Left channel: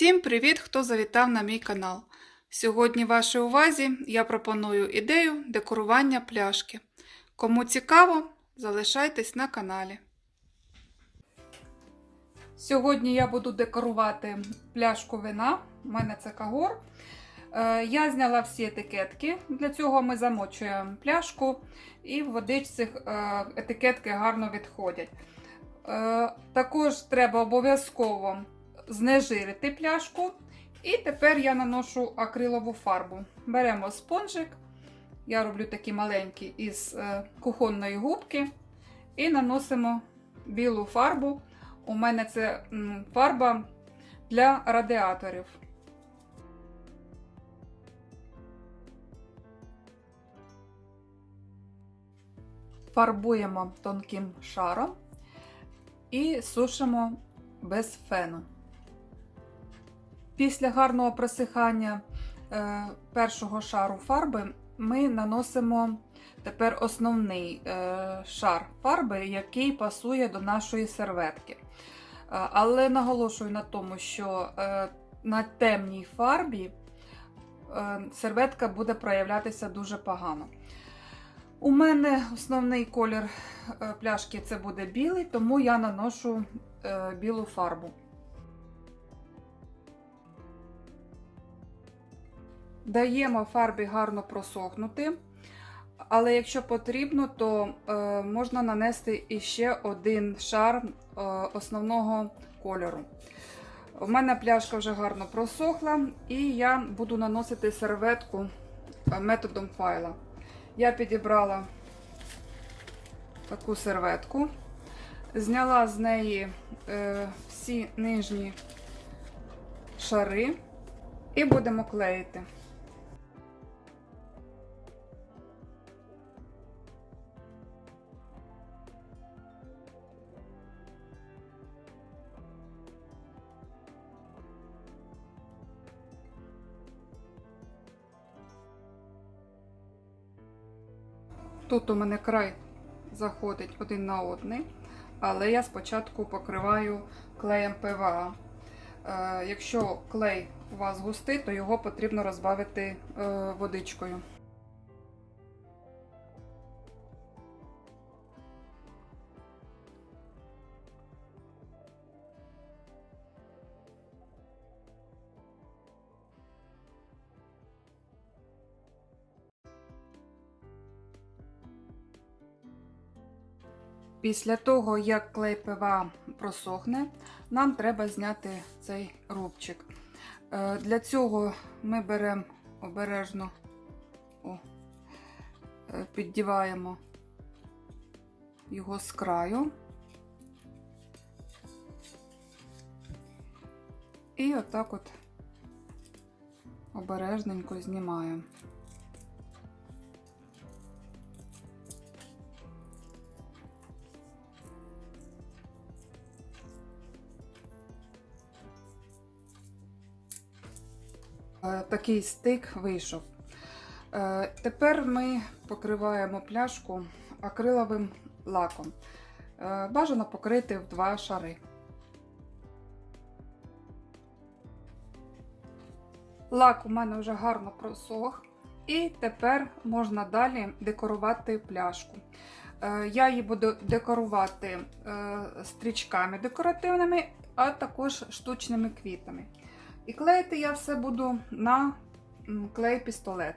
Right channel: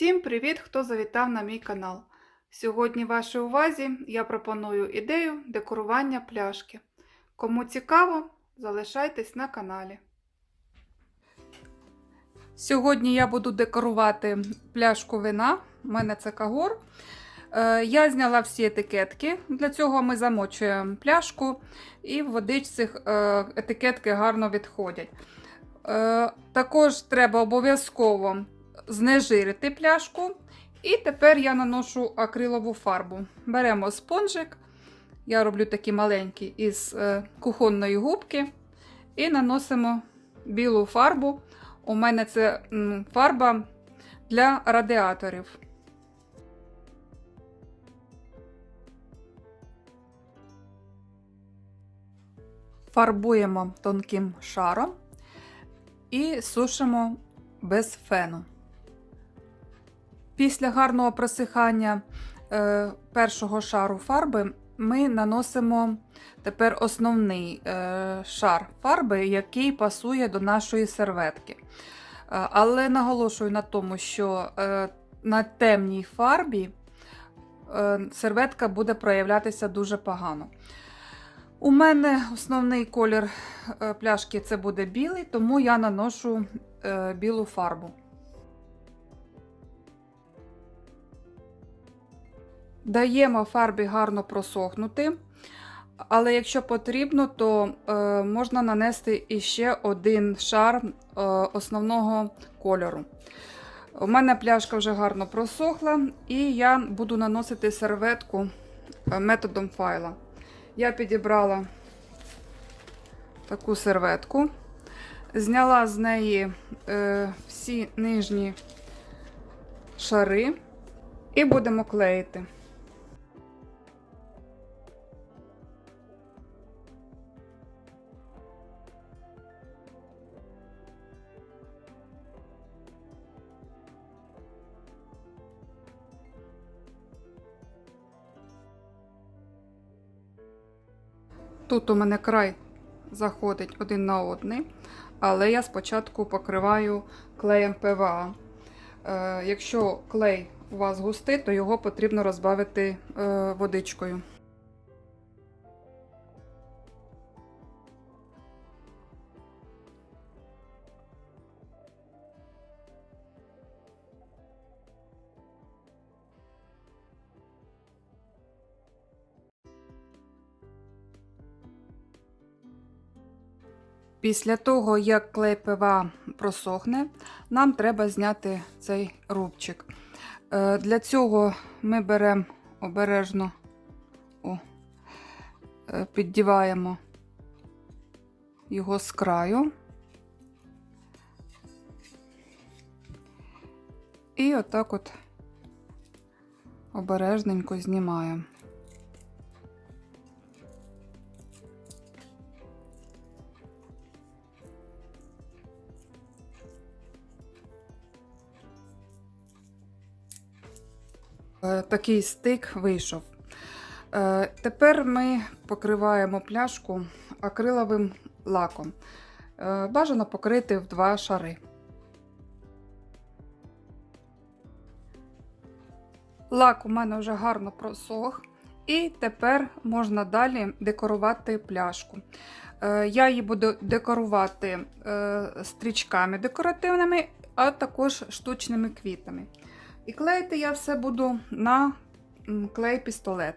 Всім привіт, хто завітав на мій канал. Сьогодні вашій увазі я пропоную ідею декорування пляшки. Кому цікаво, залишайтесь на каналі. Сьогодні я буду декорувати пляшку вина. У мене це кагор. Е, Я зняла всі етикетки. Для цього ми замочуємо пляшку, і в водичці е, етикетки гарно відходять. Е, Також треба обов'язково знежирити пляшку. І тепер я наношу акрилову фарбу. Беремо спонжик. Я роблю такі маленькі із е, кухонної губки. І наносимо білу фарбу. У мене це фарба для радіаторів. Фарбуємо тонким шаром і сушимо без фену. Після гарного просихання е, першого шару фарби ми наносимо тепер основний е, шар фарби, який пасує до нашої серветки. Е, але наголошую на тому, що на темній фарбі серветка буде проявлятися дуже погано. У мене основний колір пляшки це буде білий, тому я наношу білу фарбу. Даємо фарбі гарно просохнути, але якщо потрібно, то е, можна нанести іще один шар е, основного кольору. У мене пляшка вже гарно просохла, і я буду наносити серветку е, методом файла. Я підібрала таку серветку, зняла з неї е, всі нижні шари і будемо клеїти. Тут у мене край заходить один на один, але я спочатку покриваю клеєм ПВА. Е, якщо клей у вас густий, то його потрібно розбавити е, водичкою. Після того, як клей ПВА просохне, нам треба зняти цей рубчик. Е, Для цього ми беремо обережно, о, е, піддіваємо його з краю. І отак от обережненько знімаємо. Такий стик вийшов. Е, Тепер ми покриваємо пляшку акриловим лаком. Е, Бажано покрити в два шари. Лак у мене вже гарно просох, і тепер можна далі декорувати пляшку. Е, Я її буду декорувати е, стрічками декоративними, а також штучними квітами. І клеїти я все буду на клей-пістолет.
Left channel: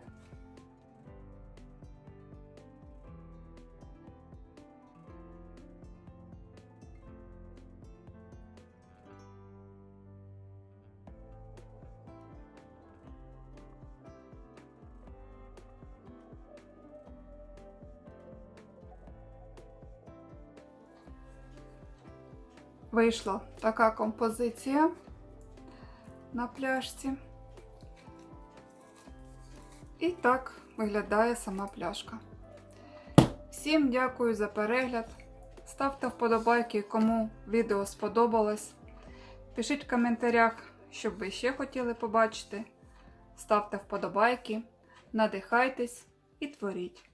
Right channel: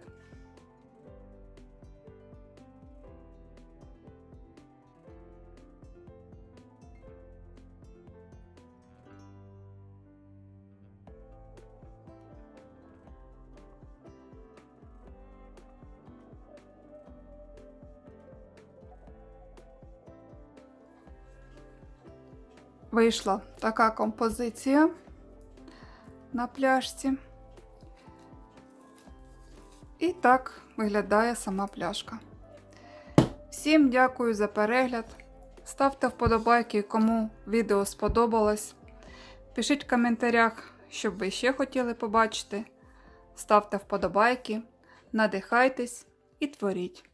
Вийшла така композиція на пляшці. І так виглядає сама пляшка. Всім дякую за перегляд. Ставте вподобайки, кому відео сподобалось. Пишіть в коментарях, що ви ще хотіли побачити. Ставте вподобайки, надихайтесь і творіть.